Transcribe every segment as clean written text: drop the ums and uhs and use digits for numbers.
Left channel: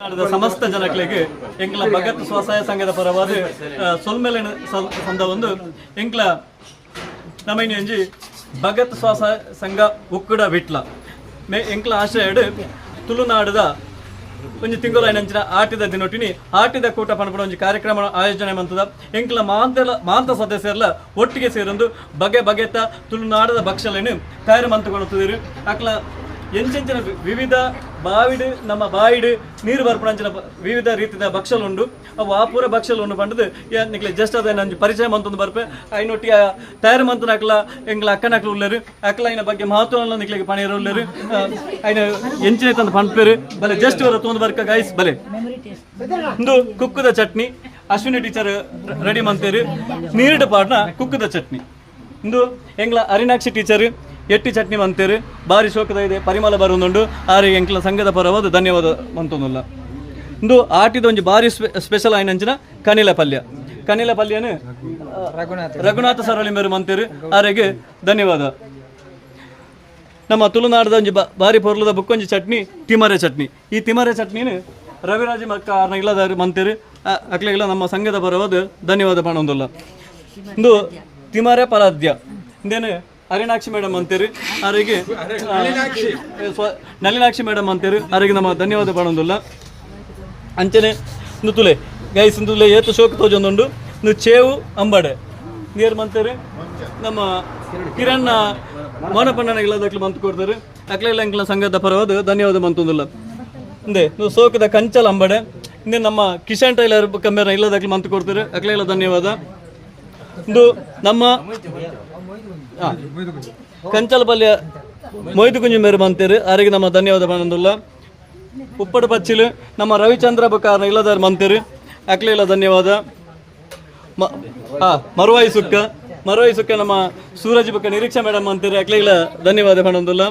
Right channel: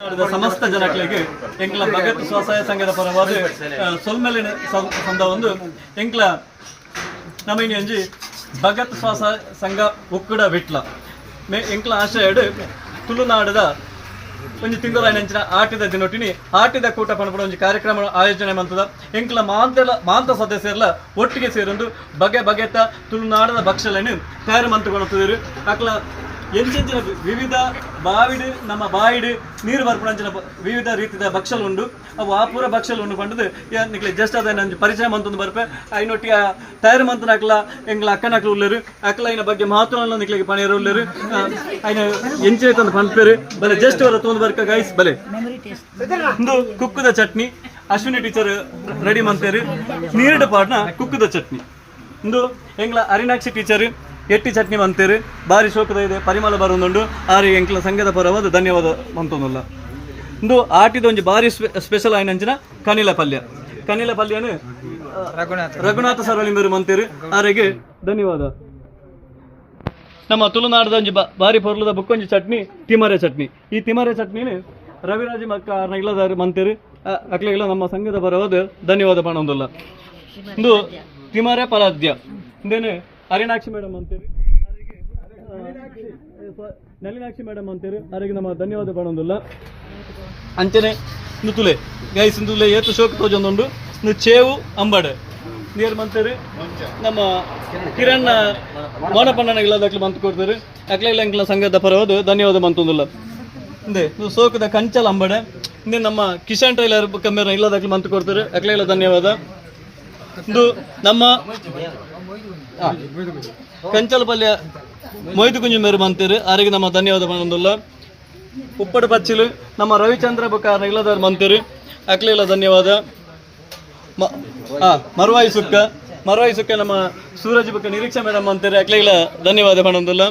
ಸಮಸ್ತ ಜನಗಳಿಗೆ ಎಂಕ್ಲ ಭಗತ್ ಸ್ವಸಹಾಯ ಸಂಘದ ಪರವಾದ ಸೊಲ್ಮೆಲಿನ ಸಂದ ಒಂದು ಎಂಕ್ಲ ನಮೈನಿ ಒಂಜಿ ಭಗತ್ ಸ್ವಸಹಾಯ ಸಂಘ ಉಕ್ಕುಡ ವಿಟ್ಲ ಮೇ ಎಂಕ್ಲ ಆಶ್ರಯಡ್ ತುಳುನಾಡದ ಒಂಜಿ ತಿಂಗಳು ನೆಂಚಿನ ಆಟಿದ ದಿನೊಟ್ಟಿನಿ ಆಟಿದ ಕೂಟ ಪಣಪಡ ಒಂಜಿ ಕಾರ್ಯಕ್ರಮ ಆಯೋಜನೆ ಮಂತದ ಎಂಕ್ಲ ಮಾಂತ ಸದಸ್ಯರ್ಲ ಒಟ್ಟಿಗೆ ಸೇರೊಂದು ಬಗೆ ಬಗೆತ ತುಳುನಾಡದ ಭಕ್ಷಲನ್ನು ತಯಾರು ಮಂತುಗೊಳ್ಳುತ್ತಿದ್ದರು ಅಕ್ಲ ಎಂಚೆಂಚಿನ ವಿವಿಧ ಬಾವಿಡು ನಮ್ಮ ಬಾಯಿಡು ನೀರು ಬರ್ಪಣಂಚಿನ ವಿವಿಧ ರೀತಿಯ ಭಕ್ಷಲುಂಡು ಅವು ಆಪೂರ ಭಕ್ಷಲುಂಡು ಪಂಡದು ನಿಕ್ಲೆ ಜಸ್ಟ್ ಅದ ನಂಜು ಪರಿಚಯ ಮಂತೊಂದು ಬರ್ಪೆ ಐನೊಟ್ಟಿಗೆ ತಯಾರು ಮಂತನ ಅಕ್ಲ ಎಂಗ್ಲ ಅಕ್ಕನಕ್ಲು ಉಳ್ಳರು ಅಕ್ಲ ಐನ ಬಗ್ಗೆ ಮಹತ್ವ ನಿಕ್ಲಿಗೆ ಪಣಿಯರು ಉಳ್ಳರು ಐನ ಎಂಚಿನ ತಂದು ಪಂಪೇರು ಬಲೆ ಜಸ್ಟ್ ಅವರು ತೊಂದು ಬರ್ಕ ಗೈಸ್ ಬಲೆ ಒಂದು ಕುಕ್ಕುದ ಚಟ್ನಿ ಅಶ್ವಿನಿ ಟೀಚರ್ ರೆಡಿ ಮಂತೇರು ನೀರಿಡ ಪಾಡ್ನ ಕುಕ್ಕುದ ಚಟ್ನಿ ಒಂದು ಎಂಗ್ಲ ಅರಿನಾಕ್ಷಿ ಟೀಚರ್ ಎಟ್ಟಿ ಚಟ್ನಿ ಮಂತೇರು ಬಾರಿ ಶೋಕದ ಇದೆ ಪರಿಮಳ ಬರುವುದುಂಡು ಆರಿ ಎಂಕ್ಲ ಸಂಘದ ಪರವಾದ ಧನ್ಯವಾದ ಮಂತೊಂದುಲ್ಲ ಇಂದು ಆಟಿದ ಒಂಜಿ ಬಾರಿ ಸ್ಪೆಷಲ್ ಆಯ್ನಂಚಿನ ಕನಿಲ ಪಲ್ಯನು ರಘುನಾಥ ಸರಳಿಂಬರು ಮಂತೇರು ಆರಿಗೆ ಧನ್ಯವಾದ. ನಮ್ಮ ತುಳುನಾಡದ ಒಂಜಿ ಬಾರಿ ಪೊರ್ಲದ ಬುಕ್ಕೊಂಜಿ ಚಟ್ನಿ ತಿಮರೆ ಚಟ್ನಿ. ಈ ತಿಮರೆ ಚಟ್ನಿನು ರವಿರಾಜ ಮಕ್ಕ ಇಲ್ಲದಾರು ಮಂತೇರು ಅಕ್ಲೆಲ್ಲ ನಮ್ಮ ಸಂಘದ ಪರವಾದ ಧನ್ಯವಾದ ಪಣೊಂದುಲ್ಲ. ಇಂದು ತಿಮರೆ ಪಲಾದ್ಯ ಇಂದೇನು ಅರಿನಾಕ್ಷಿ ಮೇಡಮ್ ಅಂತೀರಿ ಅವರಿಗೆ ನಳಿನಾಕ್ಷಿ ಮೇಡಮ್ ಅಂತೀರಿ ಅವರಿಗೆ ನಮ್ಮ ಧನ್ಯವಾದ ಪಡೋದಿಲ್ಲ ಅಂಚನೆ ನುತುಲೆ ಗೈಸ್ ನುತುಲೆ ಏತು ಶೋಕ ತೋಜೊಂದುಂಡು ನು ಚೇವು ಅಂಬಡೆ ನೀರು ಮಂತೇರಿ ನಮ್ಮ ಕಿರಣ್ ಮೋನಪಣ್ಣನ ಇಲ್ಲದಕ್ಲು ಮಂತು ಕೊಡ್ತಾರೆ ಅಕ್ಲೆಲ್ಲ ಎಂಕ್ಲ ಸಂಘದ ಪರವಾದ ಧನ್ಯವಾದ ಮಂತೊಂದಿಲ್ಲ ಇಂದೆ ನೀವು ಸೋಕದ ಕಂಚಲ್ ಅಂಬಡೆ ಇಂದೆ ನಮ್ಮ ಕಿಶನ್ ಟೈಲರ್ ಕಮ್ಮೆರ ಇಲ್ಲದಕ್ಲು ಮಂತು ಕೊಡ್ತಾರೆ ಅಕ್ಲೆಲ್ಲ ಧನ್ಯವಾದ. ಇಂದು ನಮ್ಮ ಕಂಚಲ ಪಲ್ಯ ಮೊಯ್ದು ಕುಂಜಿ ಮೇರು ಮಂತೇರು ಅವರಿಗೆ ನಮ್ಮ ಧನ್ಯವಾದ ಬಂದಿಲ್ಲ. ಉಪ್ಪಡು ಪಚ್ಚಿಲು ನಮ್ಮ ರವಿಚಂದ್ರ ಬುಕ್ಕಾರ ಇಲ್ಲದಾರು ಮಂತೇರು ಅಕ್ಲೆಲ್ಲ ಧನ್ಯವಾದ. ಮರುವಾಯಿ ಸುಕ್ಕ ನಮ್ಮ ಸೂರಜ್ ಬುಕ್ಕ ನಿರೀಕ್ಷಾ ಮೇಡಮ್ ಅಂತಾರೆ ಅಕ್ಲೆಲ್ಲ ಧನ್ಯವಾದ ಬಂದಿಲ್ಲ.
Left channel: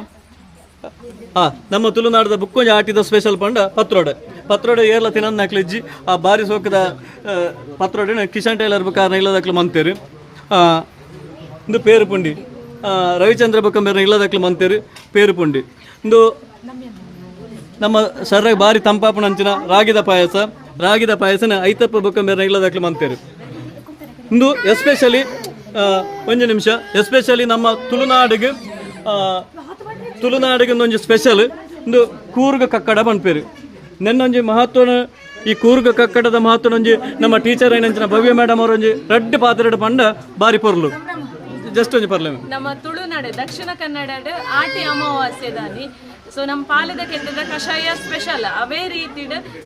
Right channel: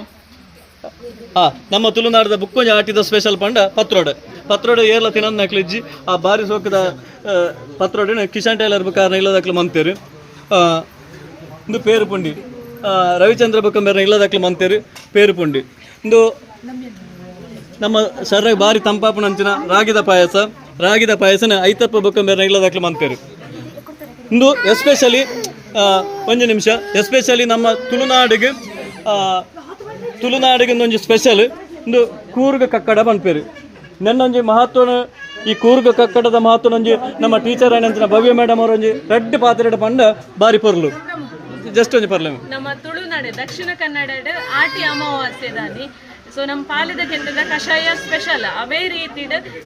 ನಮ್ಮ ತುಳುನಾಡದ ಬುಕ್ಕೊಂಜಿ ಆಟಿದ ಸ್ಪೆಷಲ್ ಪಂಡ ಪತ್ರೋಡೆ ಏರ್ಲ ತಿನ್ನೋದು ನಕ್ಲಿಜ್ಜಿ ಆ ಬಾರಿ ಸೋಕದ ಪತ್ರೋಡಿನ ಕಿಶನ್ ಟೈಲರ್ ಬುಕ್ಕಾರ ಇಲ್ಲದಕ್ಲು ಮಂತೇರು ಇಂದು ಪೇರು ಪುಂಡಿ ರವಿಚಂದ್ರ ಬುಕ್ಕಂಬೇರ ಇಲ್ಲದಕ್ಲು ಮಂತೇರು ಪೇರು ಪುಂಡಿ ಇಂದು ನಮ್ಮ ಶರೀರ ಬಾರಿ ತಂಪಾಪುನ ಅಂಚಿನ ರಾಗಿದ ಪಾಯಸನ ಐತಪ್ಪ ಬುಕ್ಕಂಬೇರ ಇಲ್ಲದಕ್ಲು ಮಂತೇರು. ಇಂದು ಎಸ್ಪೆಷಲಿ ಒಂದು ನಿಮಿಷ ಎಸ್ಪೆಷಲಿ ನಮ್ಮ ತುಳುನಾಡಿಗೆ ಒಂದೊಂದು ಸ್ಪೆಷಲ್ ಇಂದು ಕೂರ್ಗ ಕಕ್ಕಡ ಪನ್ಪೇರು ನೆನ್ನೊಂಜಿ ಮಹತ್ವನ ಈ ಕೂರ್ಗ ಕಕ್ಕಡದ ಮಹತ್ವನೊಂಜಿ ನಮ್ಮ ಟೀಚರ್ ಏನಂಚಿನ ಭವ್ಯ ಮೇಡಮ್ ಅವರೊಂಜಿ ರೆಡ್ ಪಾತ್ರೆಡ್ ಪಂಡ ಬಾರಿ ಪೊರ್ಲು ಜಸ್ಟ್ ಒಂಜಿ ಪರ್ಲೆ ನಮ್ಮ ತುಳುನಾಡು ದಕ್ಷಿಣ ಕನ್ನಡ ಆಟಿ ಅಮಾವಾಸ್ಯೆ ದಾನಿ ಸೊ ನಮ್ಮ ಪಾಲದ ಕೆಟ್ಟದ ಕಷಾಯ ಸ್ಪೆಷಲ್ ಅವೇ ರೀತಿ